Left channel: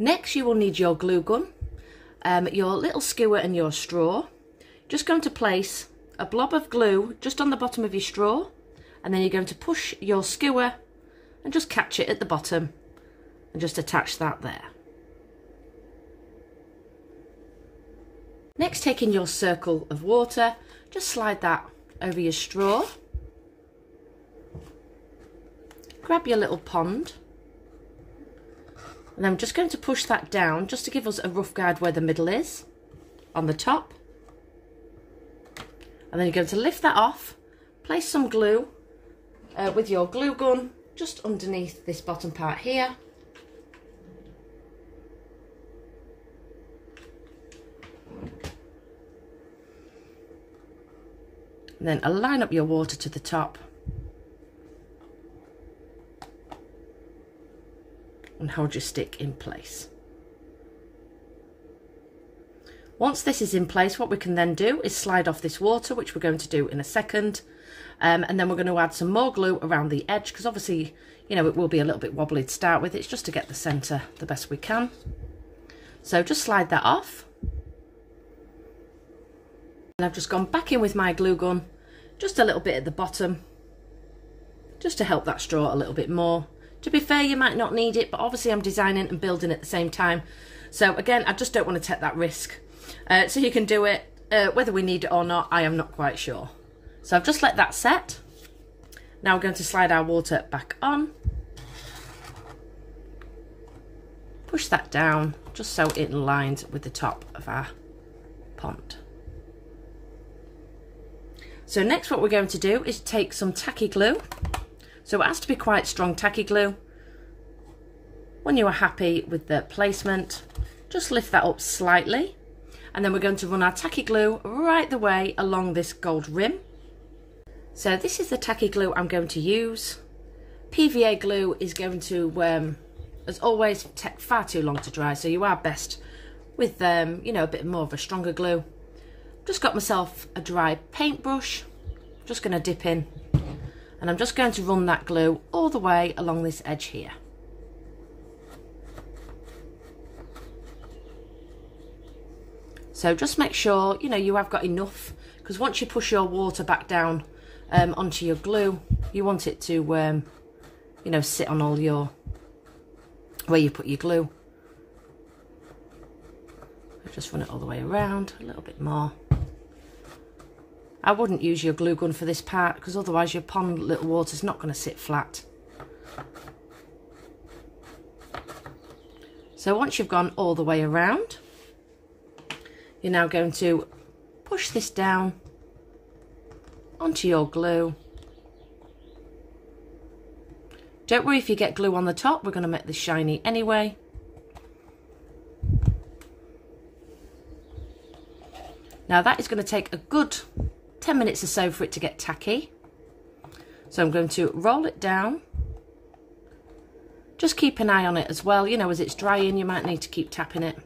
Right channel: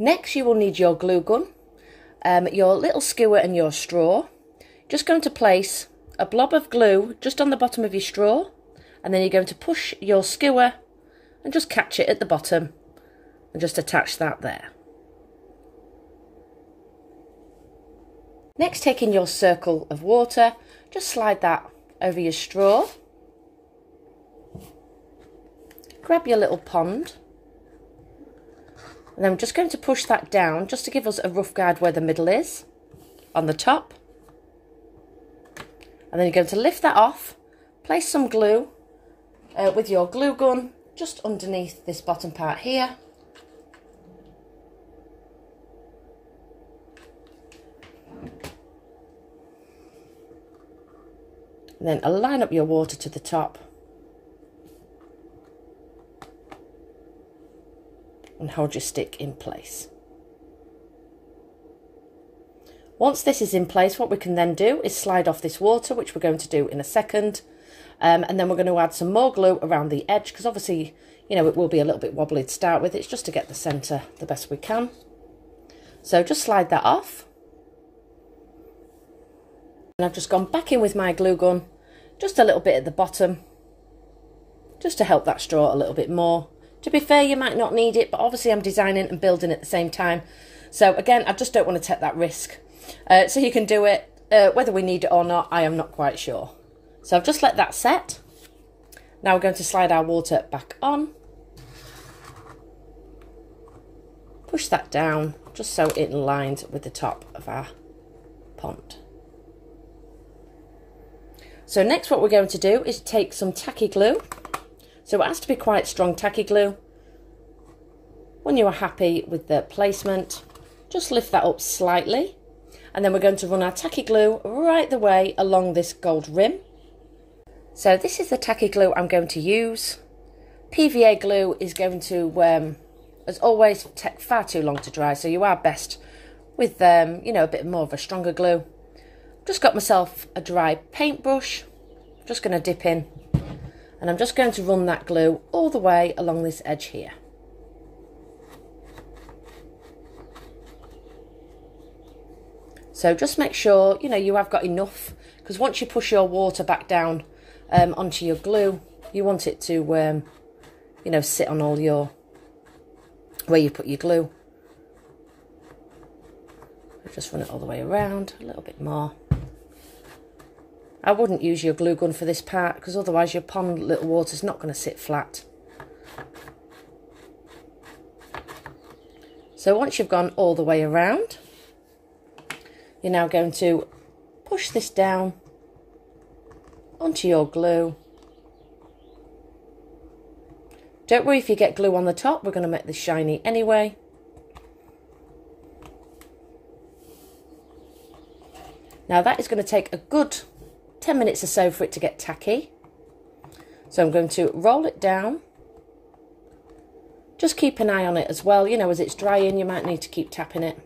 Next, you will need your glue gun, your little skewer and your straw. Just going to place a blob of glue just on the bottom of your straw, and then you're going to push your skewer and just catch it at the bottom and just attach that there. Next, taking your circle of water, just slide that over your straw. Grab your little pond, and I'm just going to push that down just to give us a rough guide where the middle is on the top. And then you're going to lift that off, place some glue with your glue gun just underneath this bottom part here. And then align up your water to the top. And hold your stick in place. Once this is in place, what we can then do is slide off this water, which we're going to do in a second. And then we're going to add some more glue around the edge, because obviously, you know, it will be a little bit wobbly to start with. It's just to get the centre the best we can. So just slide that off. And I've just gone back in with my glue gun, just a little bit at the bottom, just to help that straw a little bit more. To be fair, you might not need it, but obviously I'm designing and building at the same time. So again, I just don't want to take that risk. So you can do it, whether we need it or not, I am not quite sure. So I've just let that set. Now we're going to slide our water back on. Push that down, just so it aligns with the top of our pond. So next what we're going to do is take some tacky glue. So it has to be quite strong tacky glue. When you are happy with the placement, just lift that up slightly. And then we're going to run our tacky glue right the way along this gold rim. So this is the tacky glue I'm going to use. PVA glue is going to, as always, take far too long to dry. So you are best with, you know, a bit more of a stronger glue. Just got myself a dry paintbrush. Just going to dip in. And I'm just going to run that glue all the way along this edge here. So just make sure, you know, you have got enough, because once you push your water back down onto your glue, you want it to, you know, sit on all your, where you put your glue. Just run it all the way around, a little bit more. I wouldn't use your glue gun for this part, because otherwise your pond little water's not going to sit flat. So once you've gone all the way around, you're now going to push this down onto your glue. Don't worry if you get glue on the top, we're going to make this shiny anyway. Now that is going to take a good 10 minutes or so for it to get tacky. So I'm going to roll it down. Just keep an eye on it as well. You know, as it's drying, you might need to keep tapping it.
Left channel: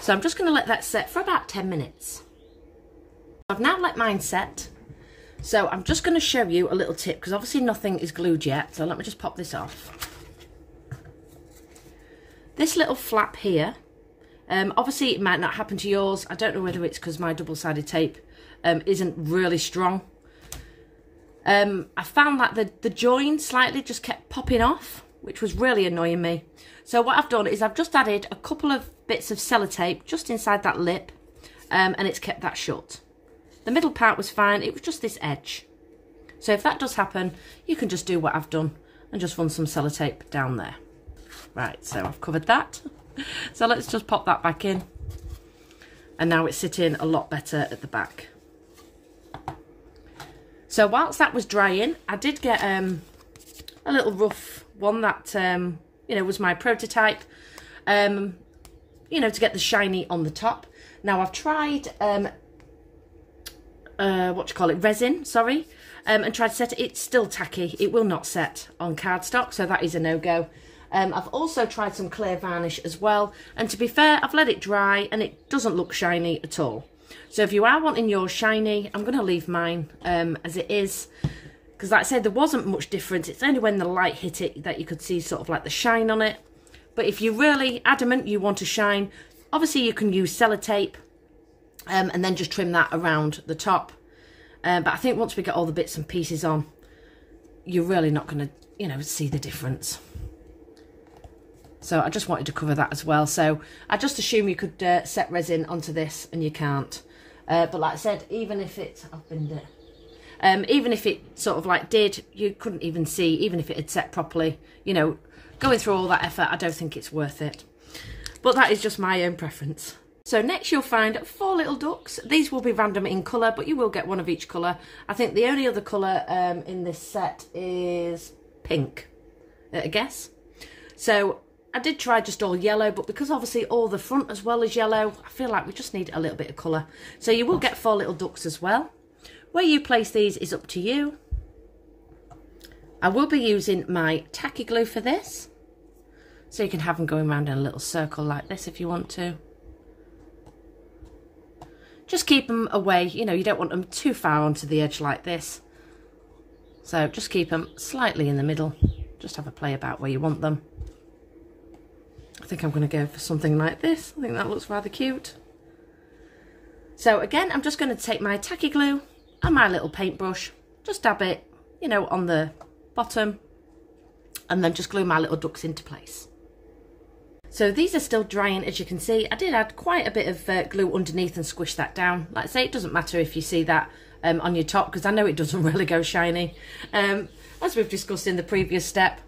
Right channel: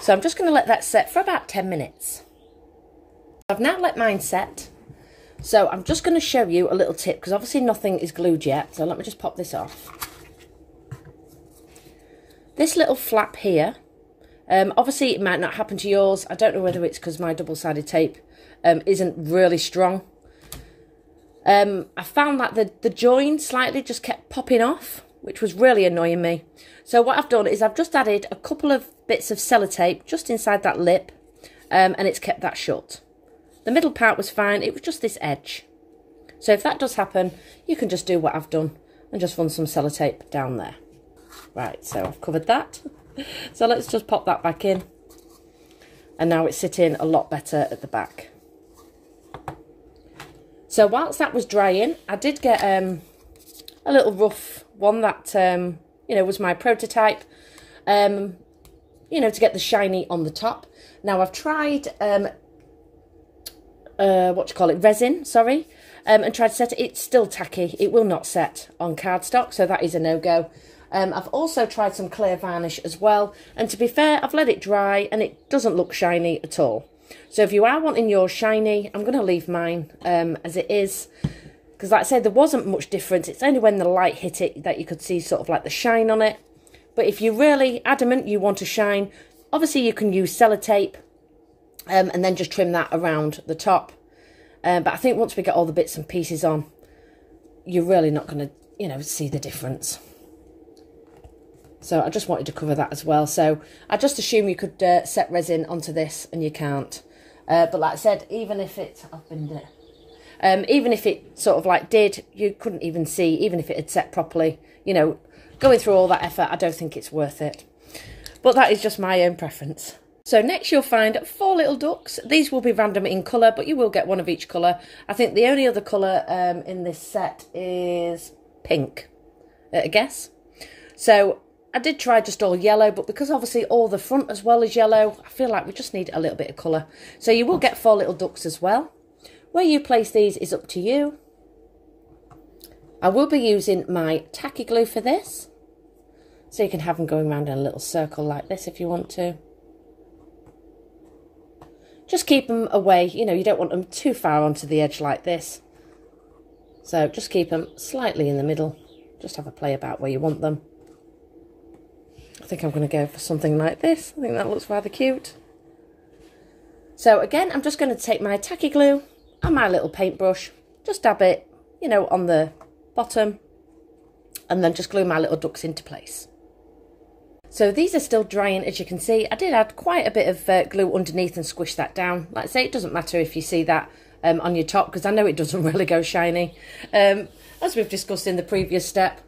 So I'm just going to let that set for about 10 minutes. I've now let mine set. So I'm just going to show you a little tip, because obviously nothing is glued yet. So let me just pop this off. This little flap here, obviously it might not happen to yours. I don't know whether it's because my double-sided tape isn't really strong. I found that the join slightly just kept popping off, which was really annoying me. So what I've done is I've just added a couple of bits of sellotape just inside that lip, and it's kept that shut. The middle part was fine, it was just this edge. So if that does happen, you can just do what I've done and just run some sellotape down there. Right, so I've covered that. So let's just pop that back in. And now it's sitting a lot better at the back. So whilst that was drying, I did get a little rough one that, you know, was my prototype, you know, to get the shiny on the top. Now I've tried, resin, and tried to set it. It's still tacky. It will not set on cardstock, so that is a no-go. I've also tried some clear varnish as well, and to be fair, I've let it dry and it doesn't look shiny at all. So if you are wanting yours shiny, I'm going to leave mine as it is, because like I said, there wasn't much difference. It's only when the light hit it that you could see sort of like the shine on it. But if you're really adamant you want to shine, obviously you can use sellotape and then just trim that around the top. But I think once we get all the bits and pieces on, you're really not going to, you know, see the difference. So I just wanted to cover that as well. So I just assume you could set resin onto this, and you can't. But like I said, even if it, even if it sort of like did, you couldn't even see, even if it had set properly, you know, going through all that effort, I don't think it's worth it. But that is just my own preference. So next you'll find 4 little ducks. These will be random in colour, but you will get one of each colour. I think the only other colour in this set is pink, I guess. So I did try just all yellow, but because obviously all the front as well is yellow, I feel like we just need a little bit of colour. So you will get 4 little ducks as well. Where you place these is up to you. I will be using my tacky glue for this. So you can have them going around in a little circle like this if you want to. Just keep them away, you know, you don't want them too far onto the edge like this. So just keep them slightly in the middle. Just have a play about where you want them. I think I'm going to go for something like this. I think that looks rather cute. So again, I'm just going to take my tacky glue and my little paintbrush, just dab it, you know, on the bottom, and then just glue my little ducks into place. So these are still drying, as you can see. I did add quite a bit of glue underneath and squish that down. Like I say, it doesn't matter if you see that on your top, because I know it doesn't really go shiny, as we've discussed in the previous step.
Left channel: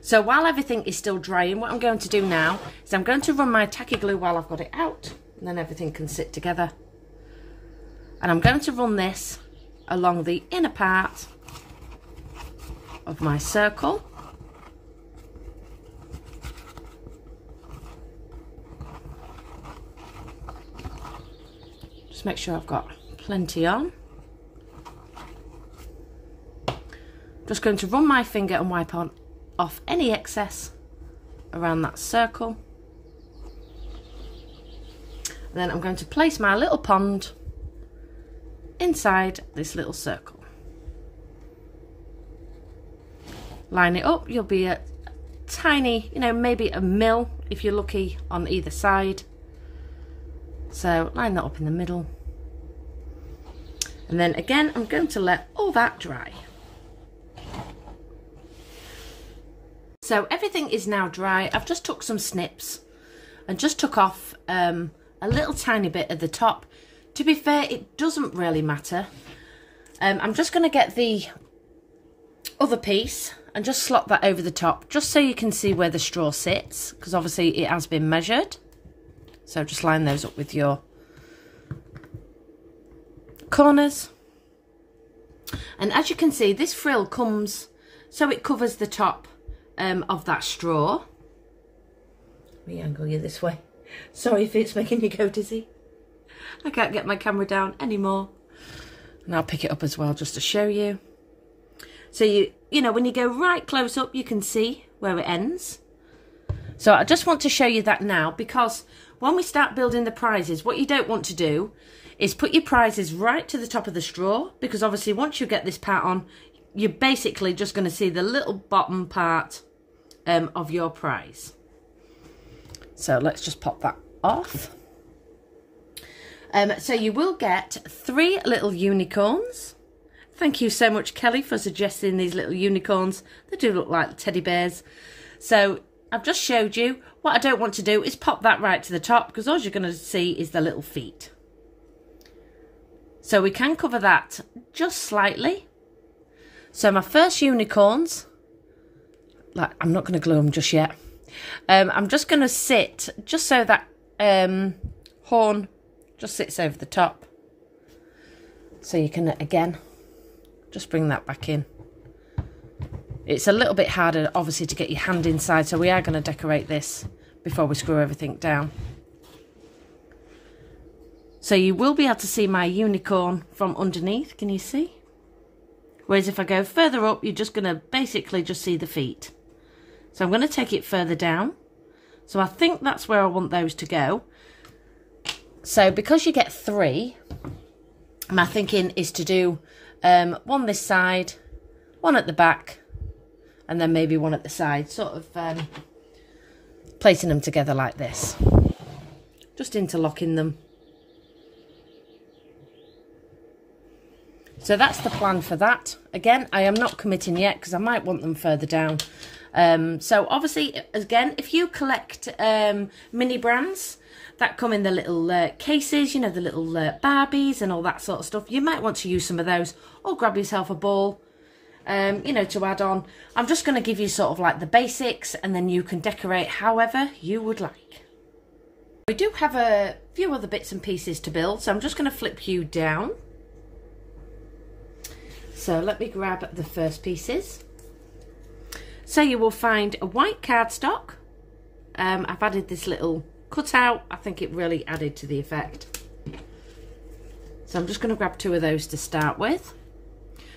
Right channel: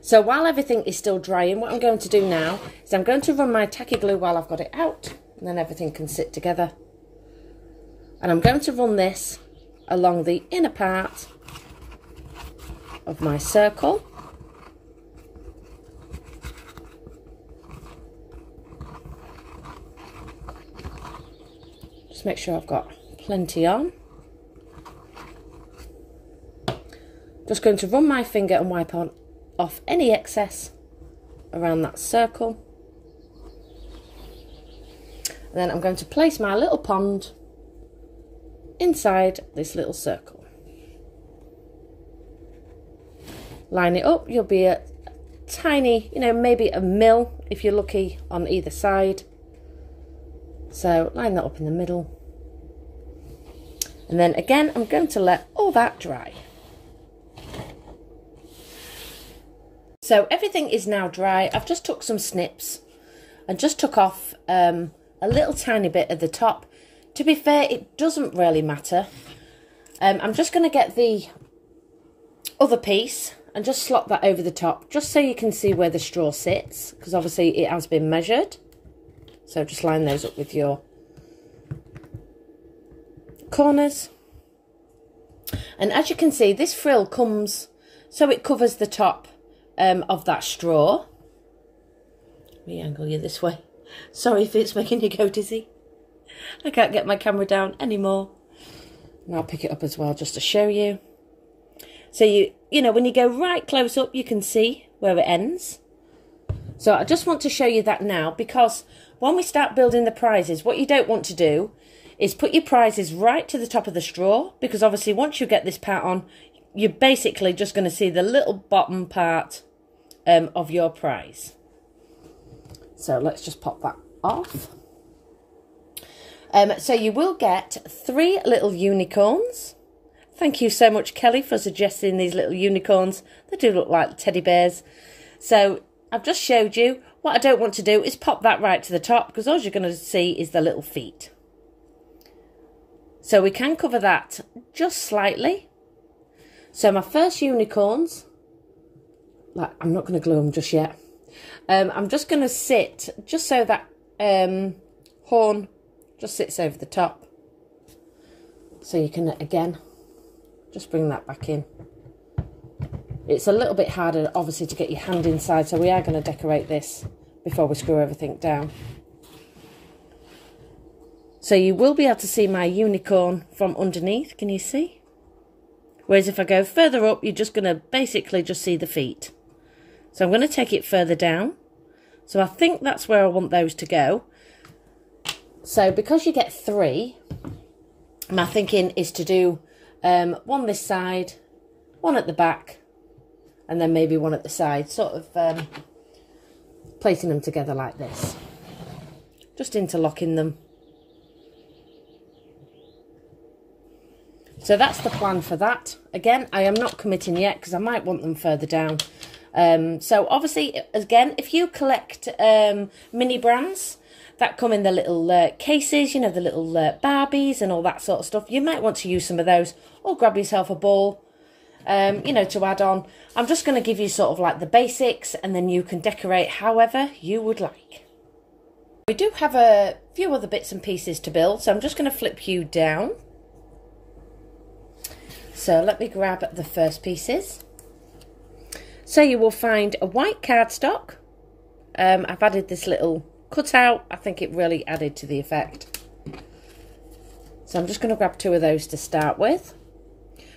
So while everything is still drying, what I'm going to do now is I'm going to run my tacky glue while I've got it out, and then everything can sit together. And I'm going to run this along the inner part of my circle. Just make sure I've got plenty on. Just going to run my finger and wipe off any excess around that circle. And then I'm going to place my little pond inside this little circle. Line it up. You'll be a tiny, you know, maybe a mil if you're lucky on either side. So line that up in the middle. And then again, I'm going to let all that dry. So everything is now dry. I've just took some snips and just took off a little tiny bit at the top. To be fair, it doesn't really matter. I'm just going to get the other piece and just slot that over the top, just so you can see where the straw sits, because obviously it has been measured. So just line those up with your corners. And as you can see, this frill comes so it covers the top of that straw. Let me angle you this way. Sorry if it's making you go dizzy. I can't get my camera down anymore. And I'll pick it up as well just to show you. So you know, when you go right close up, you can see where it ends. So I just want to show you that now, because when we start building the prizes, what you don't want to do is put your prizes right to the top of the straw, because obviously once you get this part on, you're basically just going to see the little bottom part of your prize. So let's just pop that off. So you will get 3 little unicorns. Thank you so much, Kelly, for suggesting these little unicorns. They do look like teddy bears. So I've just showed you. What I don't want to do is pop that right to the top, because all you're going to see is the little feet. So we can cover that just slightly. So my first unicorns, like, I'm not going to glue them just yet. I'm just going to sit just so that horn just sits over the top. So you can, again, just bring that back in. It's a little bit harder, obviously, to get your hand inside, so we are going to decorate this before we screw everything down. So you will be able to see my unicorn from underneath, can you see? Whereas if I go further up, you're just going to basically just see the feet. So I'm going to take it further down. So I think that's where I want those to go. So because you get 3, my thinking is to do one this side, one at the back, and then maybe one at the side, sort of placing them together like this. Just interlocking them. So that's the plan for that. Again, I am not committing yet because I might want them further down. So obviously, again, if you collect mini brands that come in the little cases, you know, the little Barbies and all that sort of stuff, you might want to use some of those, or grab yourself a ball, you know, to add on. I'm just going to give you sort of like the basics, and then you can decorate however you would like. We do have a few other bits and pieces to build, so I'm just going to flip you down. So let me grab the first pieces. So you will find a white cardstock. I've added this little cutout. I think it really added to the effect. So I'm just going to grab 2 of those to start with.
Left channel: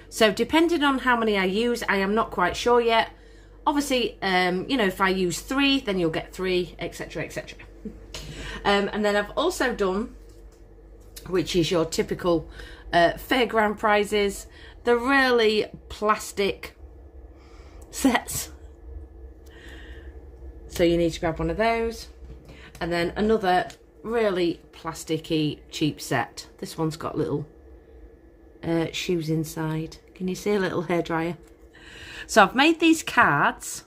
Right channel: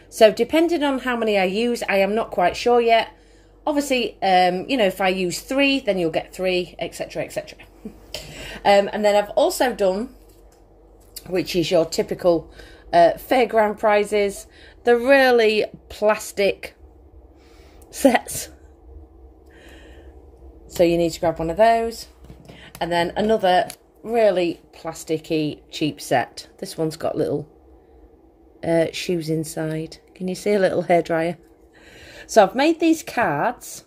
So depending on how many I use, I am not quite sure yet. Obviously, you know, if I use 3, then you'll get 3, etc, etc. And then I've also done, which is your typical fairground prizes, the really plastic sets. So you need to grab one of those, and then another really plasticky cheap set. This one's got little shoes inside. Can you see a little hairdryer? So I've made these cards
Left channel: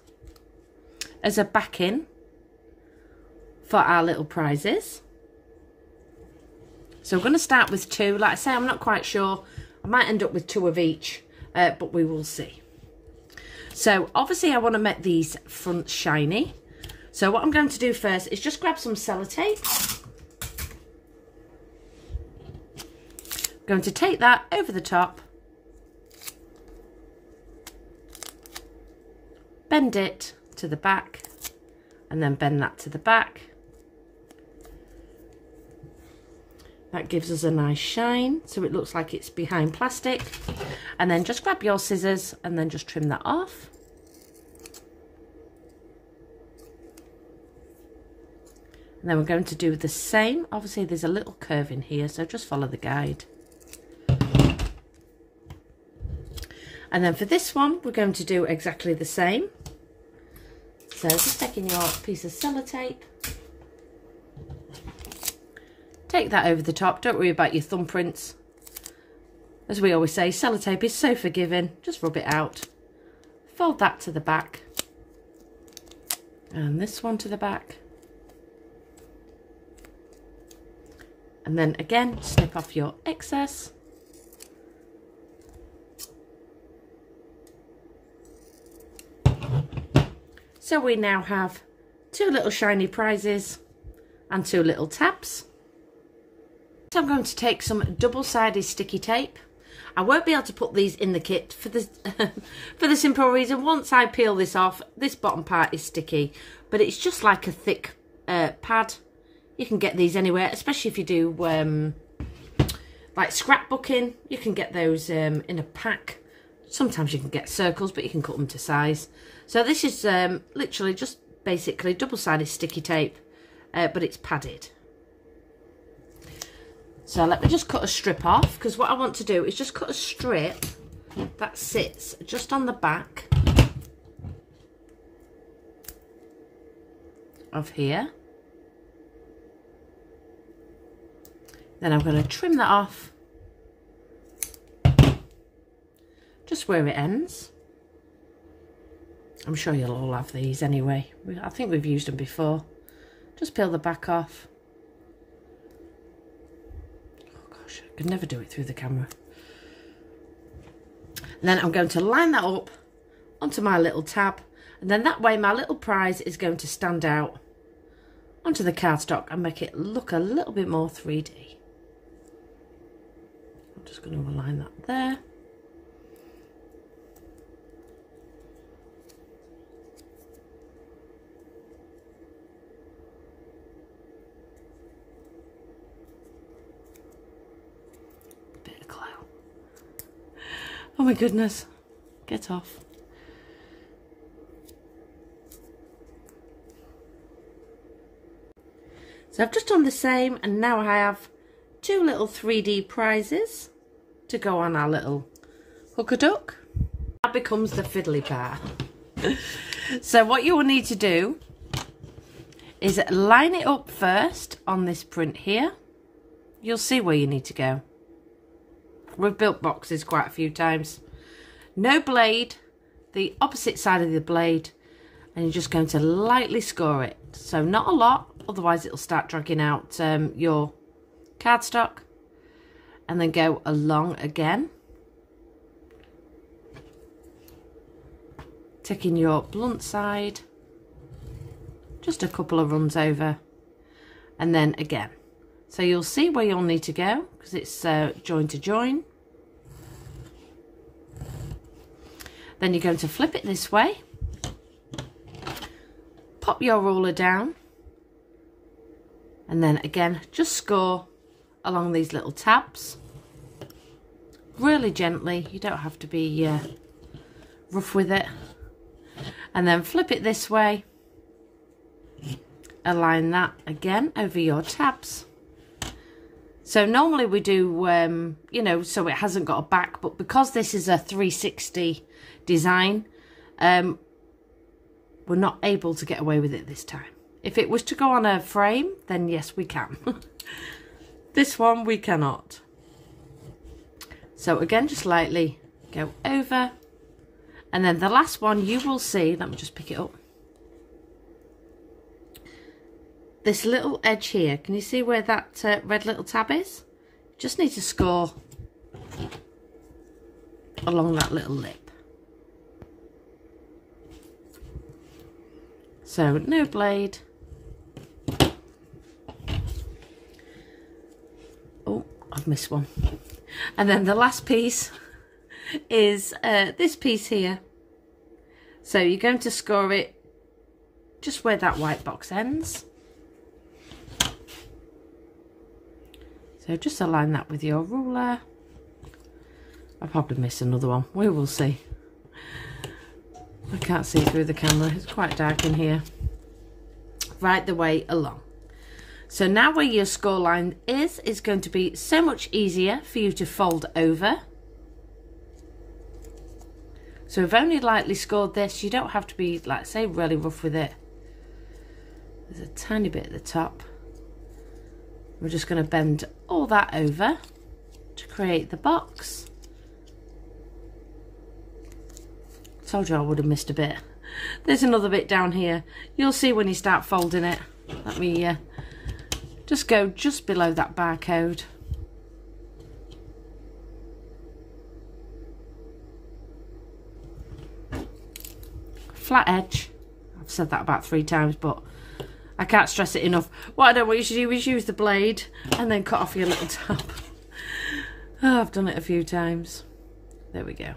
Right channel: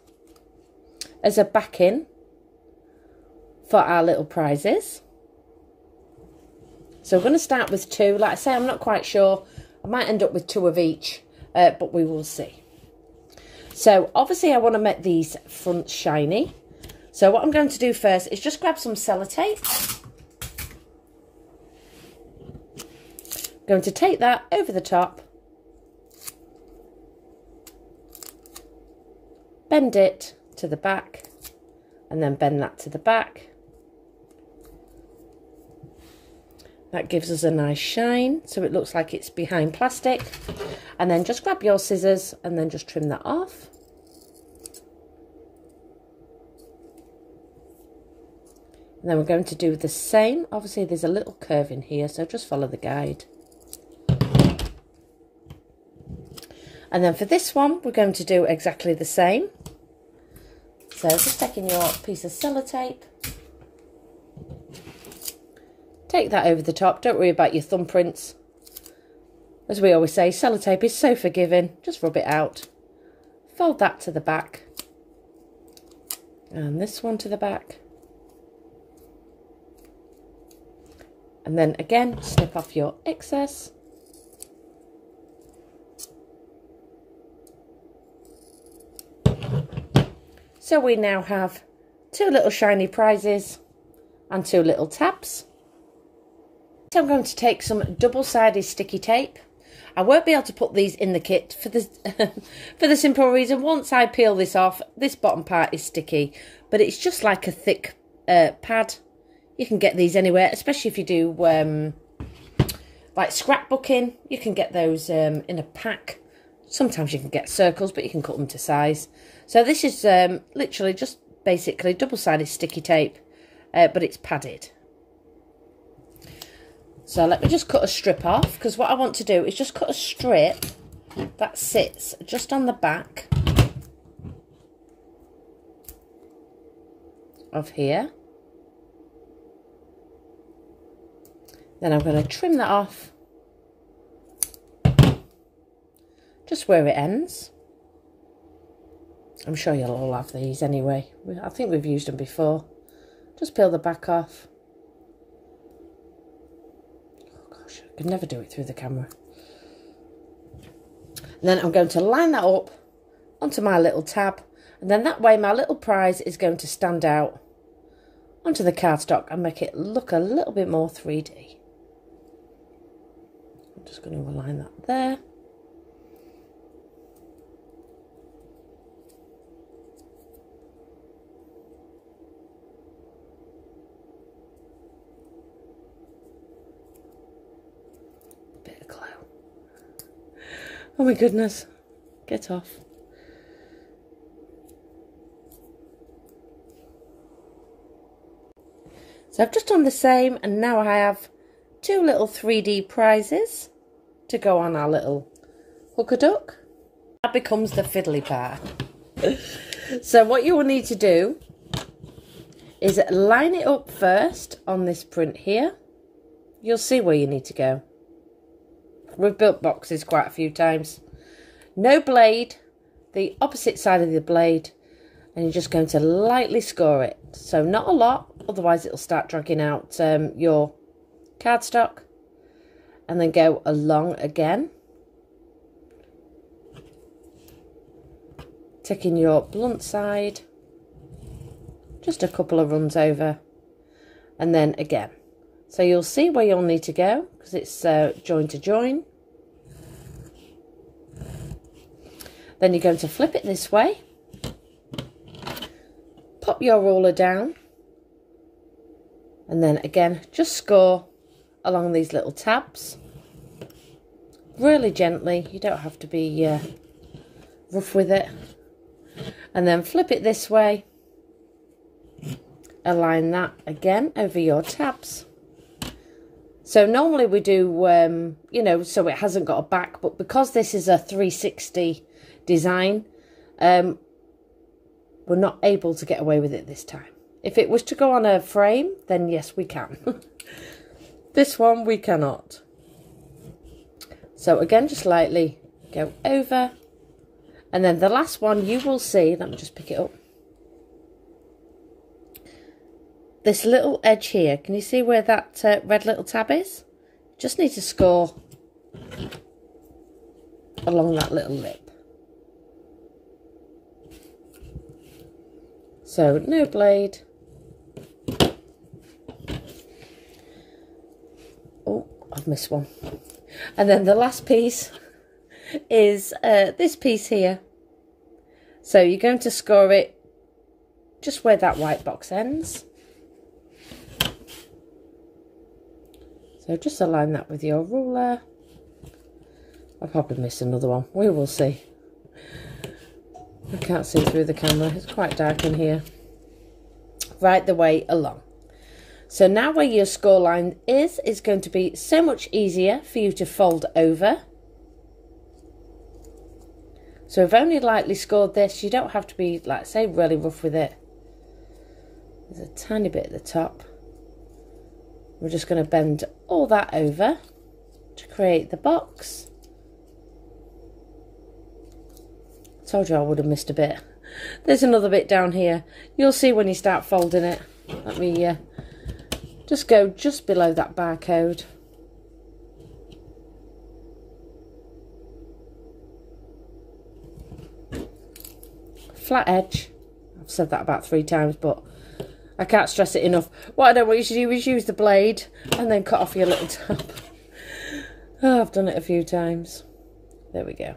as a backing for our little prizes. So we're going to start with 2. Like I say, I'm not quite sure. I might end up with 2 of each, but we will see. So obviously I want to make these fronts shiny. So what I'm going to do first is just grab some sellotape. I'm going to take that over the top, bend it to the back, and then bend that to the back. That gives us a nice shine, so it looks like it's behind plastic. And then just grab your scissors and then just trim that off. And then we're going to do the same. Obviously there's a little curve in here, so just follow the guide. And then for this one, we're going to do exactly the same. So just taking your piece of sellotape, take that over the top. Don't worry about your thumbprints. As we always say, sellotape is so forgiving. Just rub it out. Fold that to the back. And this one to the back. And then again, snip off your excess. So we now have 2 little shiny prizes and 2 little tabs. So I'm going to take some double-sided sticky tape. I won't be able to put these in the kit for the for the simple reason, once I peel this off, this bottom part is sticky, but it's just like a thick pad. You can get these anywhere, especially if you do like scrapbooking. You can get those in a pack. Sometimes you can get circles, but you can cut them to size. So this is literally just basically double-sided sticky tape, but it's padded. So let me just cut a strip off, because what I want to do is just cut a strip that sits just on the back of here. Then I'm going to trim that off just where it ends. I'm sure you'll all have these anyway. I think we've used them before. Just peel the back off. Oh gosh, I could never do it through the camera. And then I'm going to line that up onto my little tab, and then that way my little prize is going to stand out onto the cardstock and make it look a little bit more 3D. I'm just going to align that there. Oh my goodness, get off. So I've just done the same, and now I have 2 little 3D prizes to go on our little hooker duck. That becomes the fiddly part. So what you will need to do is line it up first on this print here. You'll see where you need to go. We've built boxes quite a few times. No blade, the opposite side of the blade, and you're just going to lightly score it. So not a lot, otherwise it'll start dragging out your cardstock. And then go along again. Taking your blunt side, just a couple of runs over, and then again. So you'll see where you'll need to go, because it's join to join. Then you're going to flip it this way, pop your ruler down, and then again just score along these little tabs really gently. You don't have to be rough with it. And then flip it this way, align that again over your tabs. So normally we do you know, so it hasn't got a back, but because this is a 360 design, we're not able to get away with it this time. If it was to go on a frame, then yes, we can. This one we cannot. So again, just lightly go over. And then the last one you will see, let me just pick it up. This little edge here, can you see where that red little tab is? Just need to score along that little lip. So no blade. Oh, I've missed one. And then the last piece is this piece here. So you're going to score it just where that white box ends. So just align that with your ruler. I'll probably miss another one. We will see. I can't see through the camera. It's quite dark in here. Right the way along. So now where your score line is going to be so much easier for you to fold over. So we've only lightly scored this. You don't have to be, like say, really rough with it. There's a tiny bit at the top. We're just going to bend all that over to create the box. Told you I would have missed a bit. There's another bit down here. You'll see when you start folding it. Let me just go just below that barcode. Flat edge. I've said that about 3 times, but I can't stress it enough. What I don't want you to do is use the blade and then cut off your little tab. Oh, I've done it a few times. There we go.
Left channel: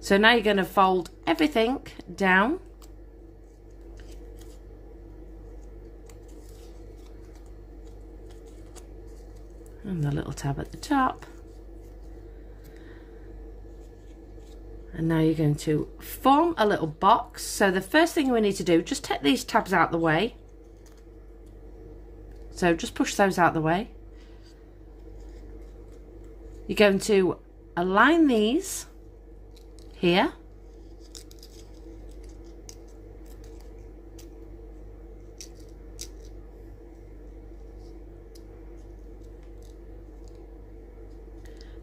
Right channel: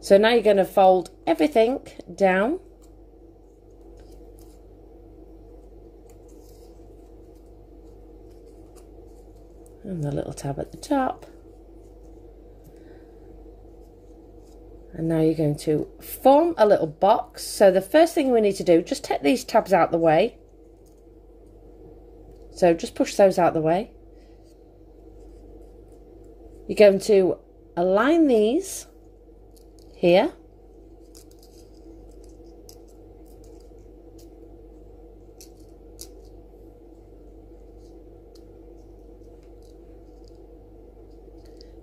So now you're going to fold everything down. And the little tab at the top. And now you're going to form a little box. So the first thing we need to do, just take these tabs out the way. So just push those out the way. You're going to align these here.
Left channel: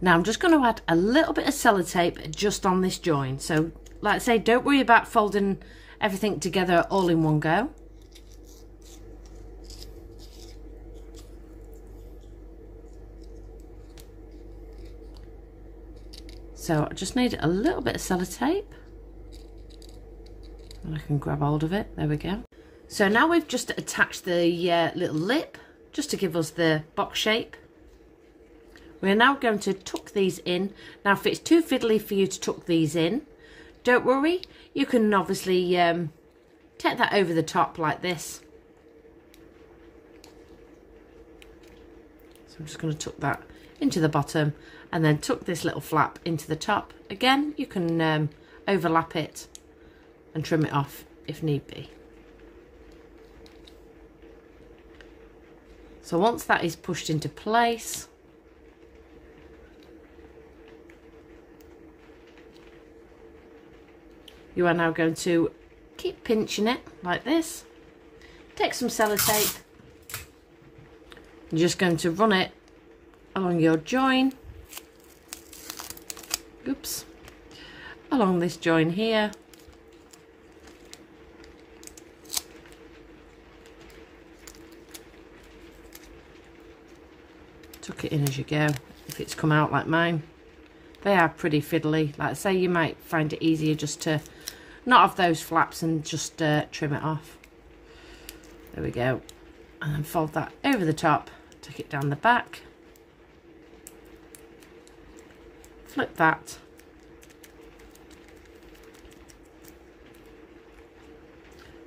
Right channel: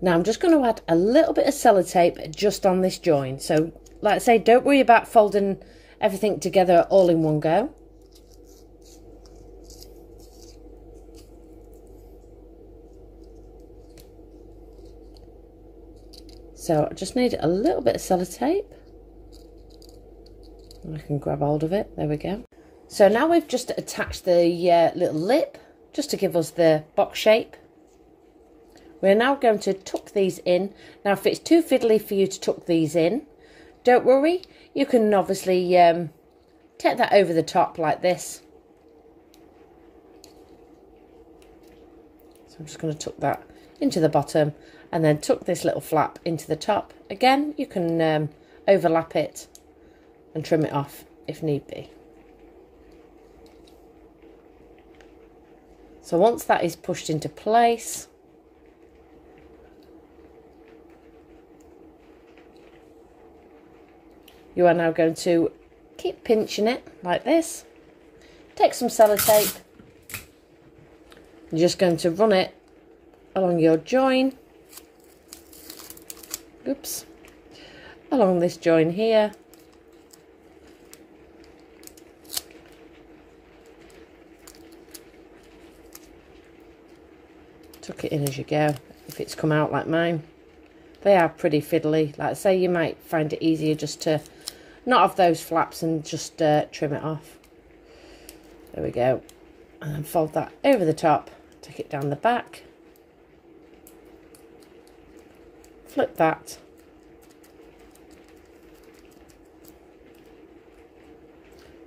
Now I'm just going to add a little bit of sellotape just on this join. So like I say, don't worry about folding everything together all in one go. So I just need a little bit of sellotape. And I can grab hold of it. There we go. So now we've just attached the little lip just to give us the box shape. We're now going to tuck these in. Now if it's too fiddly for you to tuck these in, don't worry. You can obviously take that over the top like this. So I'm just going to tuck that into the bottom and then tuck this little flap into the top. Again, you can overlap it and trim it off if need be. So once that is pushed into place, you are now going to keep pinching it like this. Take some sellotape. You're just going to run it along your join. Oops. Along this join here. Tuck it in as you go, if it's come out like mine. They are pretty fiddly. Like I say, you might find it easier just to not have those flaps and just trim it off. There we go. And then fold that over the top, tuck it down the back. Flip that.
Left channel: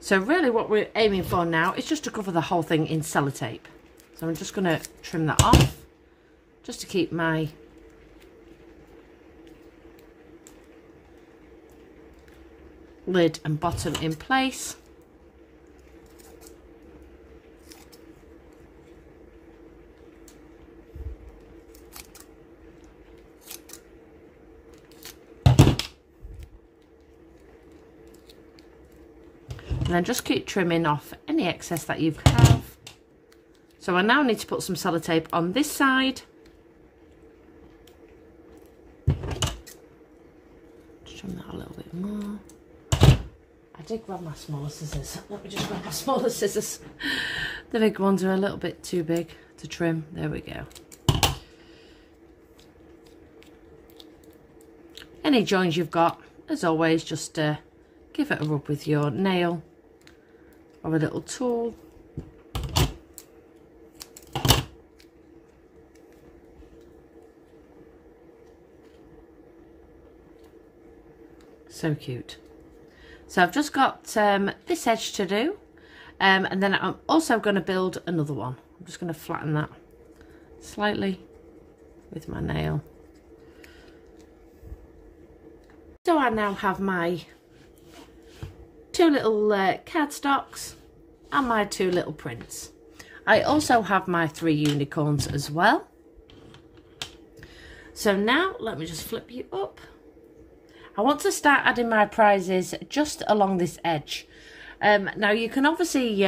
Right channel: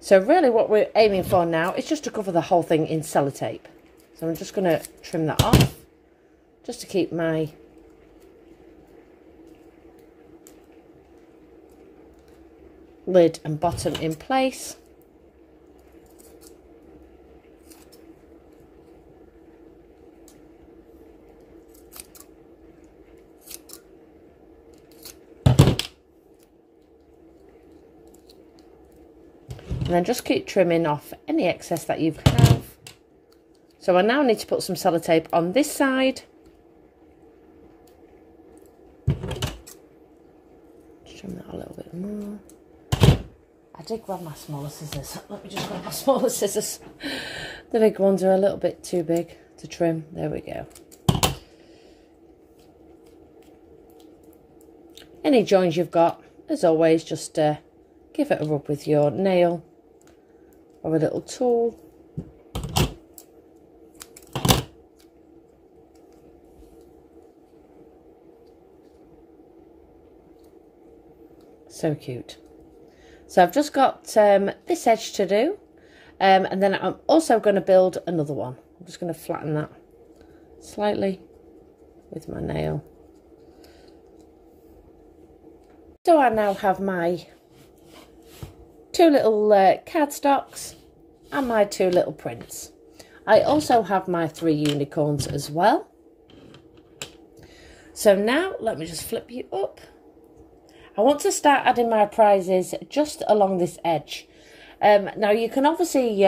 So really what we're aiming for now is just to cover the whole thing in sellotape. So I'm just going to trim that off, just to keep my lid and bottom in place. And then just keep trimming off any excess that you have. So I now need to put some sellotape on this side. Trim that a little bit more. I did grab my smaller scissors. Let me just grab my smaller scissors. The big ones are a little bit too big to trim. There we go. Any joins you've got, as always, just give it a rub with your nail or a little tool. So cute. So I've just got this edge to do, and then I'm also going to build another one. I'm just going to flatten that slightly with my nail. So I now have my two little cardstocks and my two little prints. I also have my 3 unicorns as well. So now let me just flip you up. I want to start adding my prizes just along this edge. Now you can obviously,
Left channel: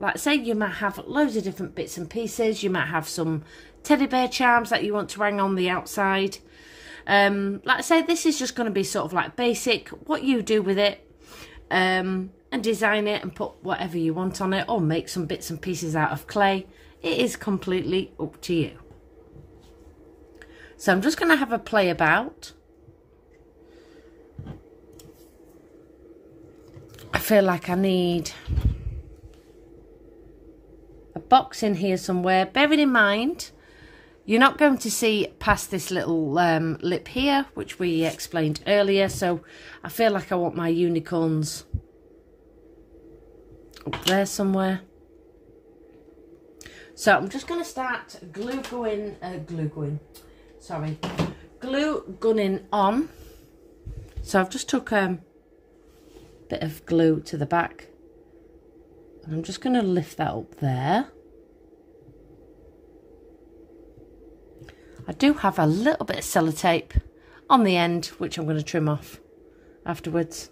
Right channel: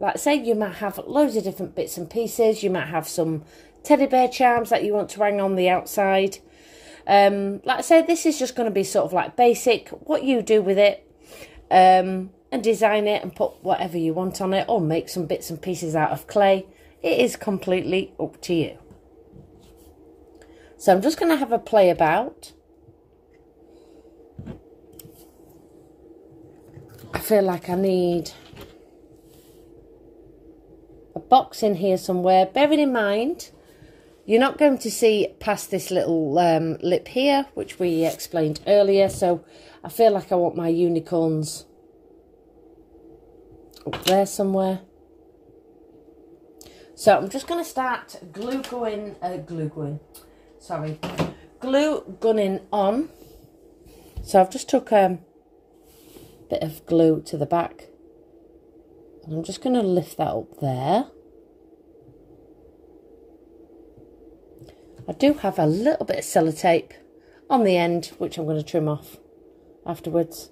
like say you might have loads of different bits and pieces. You might have some teddy bear charms that you want to hang on the outside. Like I say, this is just going to be sort of like basic, what you do with it, and design it and put whatever you want on it, or make some bits and pieces out of clay. It is completely up to you. So I'm just going to have a play about. I feel like I need a box in here somewhere, bearing in mind you're not going to see past this little lip here, which we explained earlier. So I feel like I want my unicorns up there somewhere. So I'm just going to start glue gunning on. So I've just took bit of glue to the back, and I'm just going to lift that up there. I do have a little bit of sellotape on the end, which I'm going to trim off afterwards.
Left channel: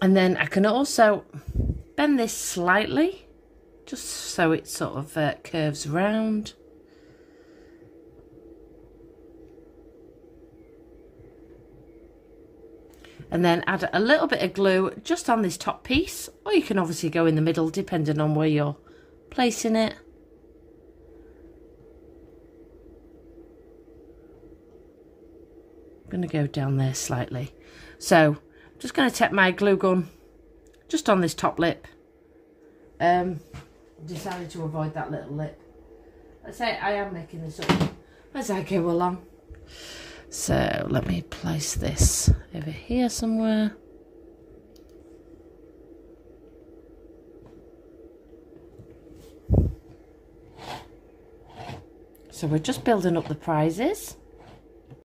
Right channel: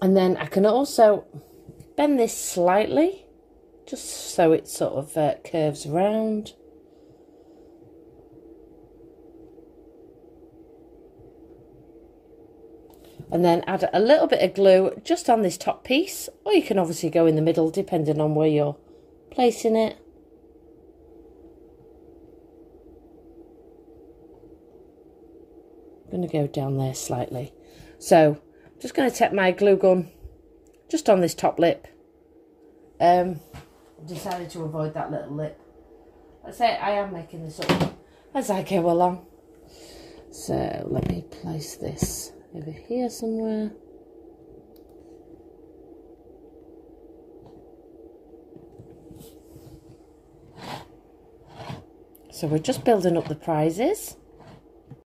And then I can also bend this slightly, just so it sort of curves around. And then add a little bit of glue just on this top piece, or you can obviously go in the middle depending on where you're placing it. I'm going to go down there slightly. So I'm just going to take my glue gun just on this top lip. Decided to avoid that little lip. Let's say I am making this up as I go along. So let me place this over here somewhere. So we're just building up the prizes.